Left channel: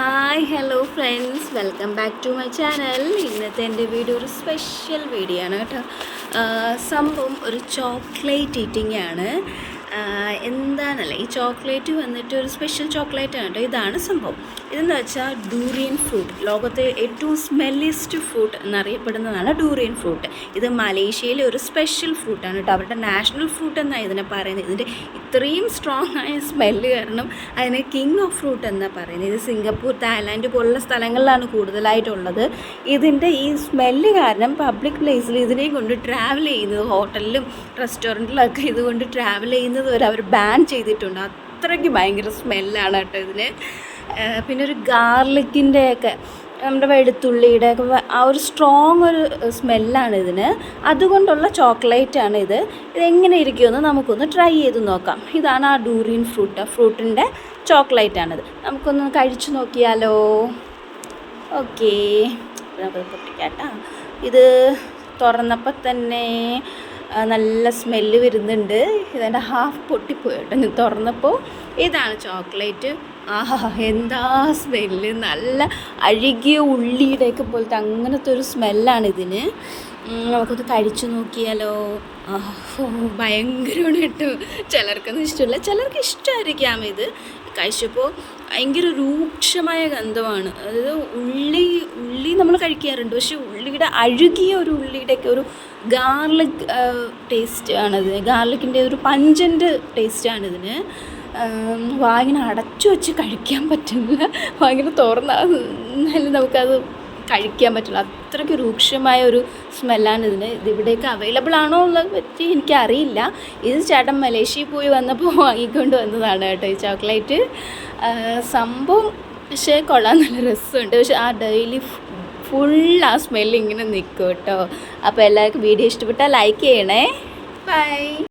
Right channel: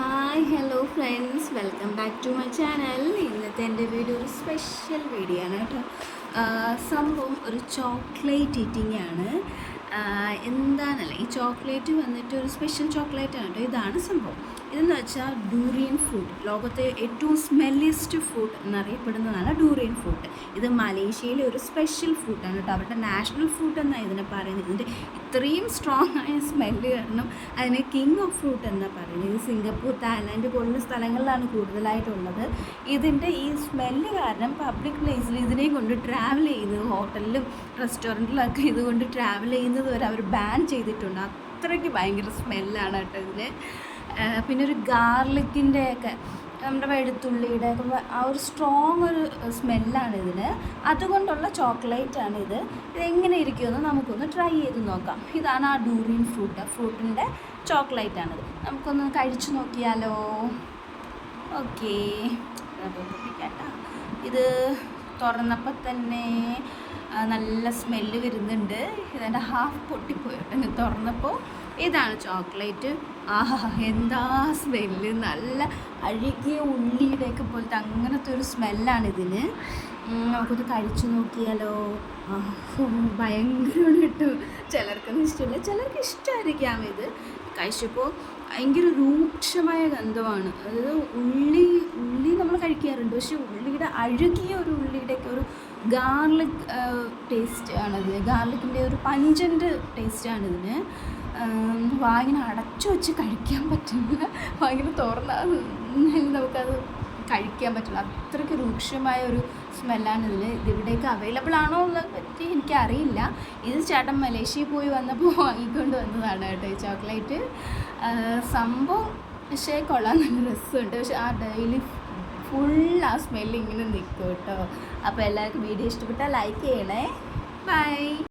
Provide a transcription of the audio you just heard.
Hi hello friends, welcome back to my channel. ഇന്നത്തെ എൻ്റെ video ഒരു സ്പെഷ്യൽ വീഡിയോ ആണ് കേട്ടോ. സംഭവം ഒരു ചോക്ലേറ്റ് ഈറ്റിംഗ് ആണ്. എന്താണല്ലേ ഈ ചോക്ലേറ്റ് വന്നിട്ട് ഒരു സ്പെഷ്യൽ ചോക്ലേറ്റ് ആണ് കേട്ടോ. ഇതാണ് സംഭവം. ഇതെന്ന് വെച്ചാൽ ഡൂറിയൻ ഫ്രൂട്ട്, ലോകത്തെ ഏറ്റവും സ്മെല്ലിയസ്റ്റ് ഫ്രൂട്ട് എന്നറിയപ്പെടുന്നതാണ് ഡൂറിയൻ ഫ്രൂട്ട്. ഇത് മലേഷ്യയിലെ ഒരു സ്പെഷ്യൽ ഫ്രൂട്ടാണ് കേട്ടോ. അവരുടെ നാഷണൽ ഫ്രൂട്ട് എന്നാണ് ഇതിനെ പറയുന്നത്. ഇതിൻ്റെ ഇത്രയും സ്ട്രോങ് ആയ സ്മെല്ല് കാരണം അതിന് കിങ് ഓഫ് ഫ്രൂട്ട് എന്നാണ് പറയുന്നത്. ഇത് സിംഗപ്പൂർ, തായ്ലാൻഡ് പോലുള്ള സ്ഥലങ്ങളിലാണ് കൂടുതലായിട്ടുള്ളത്. ഇതിൻ്റെ ഈ സ്മെല്ല് കാരണം പബ്ലിക് പ്ലേസിൽ ഇതിനെയും കൊണ്ട് ട്രാവൽ ചെയ്യുന്നത്, ഹോട്ടലിലും റെസ്റ്റോറൻറ്റിലൊക്കെ ഇതുകൊണ്ട് ട്രാവൽ ചെയ്യുന്നത് വരെ അവർ ബാൻ ചെയ്തിട്ടുണ്ട്. അത്രയ്ക്ക് ഭയങ്കര സ്മെല്ലാണ് കേട്ടോ ഇതിന്. പിന്നെ ഒരു ഗാർലിക്കിൻ്റെയൊക്കെ, നമ്മുടെ വെളുത്തുള്ളിയുടെ ഒക്കെ ആ ഒരു സ്ട്രോങ് ഒരു സ്മെല്ലാണ് ഇതിന്. അതുകൊണ്ടുള്ള ചോക്ലേറ്റാണ് ഇത്. ഇതെങ്ങനെ ഇരിക്കുമെന്ന് നമുക്കൊന്ന് ട്രൈ ചെയ്ത് നോക്കാം. ഇതാണ് ആ ഡൂറിയൻ ഫ്രൂട്ടിൻ്റെ ചോക്ലേറ്റാണിത്. നമുക്കൊന്ന് കഴിച്ചു നോക്കിയാലോ? ഓക്കേ, നമുക്ക് പൊട്ടിക്കാട്ടാ. ഇത് തുറന്നപ്പോൾ തന്നെ നല്ല സ്മെല്ല് വരുന്നുണ്ട്. ഇതെൻ്റെ ഹാഫ് പൊട്ടിപ്പോയി കേട്ടോ തുറന്നപ്പോൾ. ഇതാണ് ചോക്ലേറ്റ്. ആഹാ, എന്താ സ്മെല്ല്! നല്ല അഴുകിയ ഉള്ളിയുടെയൊക്കെ പോലത്തെ അങ്ങനത്തെ ഒരു സ്മെല്ലാണ് ഇതിന്. നമുക്കൊന്ന് കഴിച്ചു നോക്കിയാലോ? ഭയങ്കരമാണ് കേട്ടോ. ചിലർക്കൊന്നും ഇഷ്ടമില്ല, ചിലർക്ക് ഇഷ്ടമായിരിക്കാം. ഇത് കഴിച്ചപ്പോൾ ഭയങ്കര രൂക്ഷമായ ഗന്ധമാണ്. അതായത് ഉള്ളി നമ്മൾ കഴിക്കാറുണ്ട്, പക്ഷേ ഉള്ളിയുടെ അഴുകിയ ഒരു ഉള്ളിയുടെയൊക്കെ ഒരു ഗാർലിക് ടേസ്റ്റ് ആണിത്. ഗാർലിക്കിൻ്റെ ഒരു പഞ്ചൻ്റ് ടേസ്റ്റാണിതിന്. വായിങ്ങനെ അടച്ചു വെച്ച് കഴിക്കാൻ പറ്റില്ല, ഭയങ്കര തുറന്നാലും നമുക്കത് കഴിക്കാൻ പറ്റില്ല. അത്രയ്ക്ക് രൂക്ഷമായ ഒരു സ്മെല്ലാണ് ഇതിന്. ഇതിവിടെയൊക്കെ അവൈലബിൾ ആണോ എന്നുള്ളത് പറ്റി എനിക്കറിയില്ല. ഇത് ചേട്ടൻ മലേഷ്യയിൽ പോയി വന്നപ്പോൾ വാങ്ങിക്കൊണ്ട് വന്നതാണ് കേട്ടോ ഈ ചോക്ലേറ്റ്. സംഭവം പക്ഷേ കൊള്ളാൻ നല്ല രസമുണ്ട്. പക്ഷെ ആ ഡെയിലി ഫുൾ ആ സ്മെല്ല് ഇങ്ങനെ നിൽക്കും കേട്ടോ. അപ്പോൾ എല്ലാവർക്കും വീഡിയോ ഇഷ്ടപ്പെട്ടാൽ ലൈക്ക് ചെയ്യണേ. ബൈ.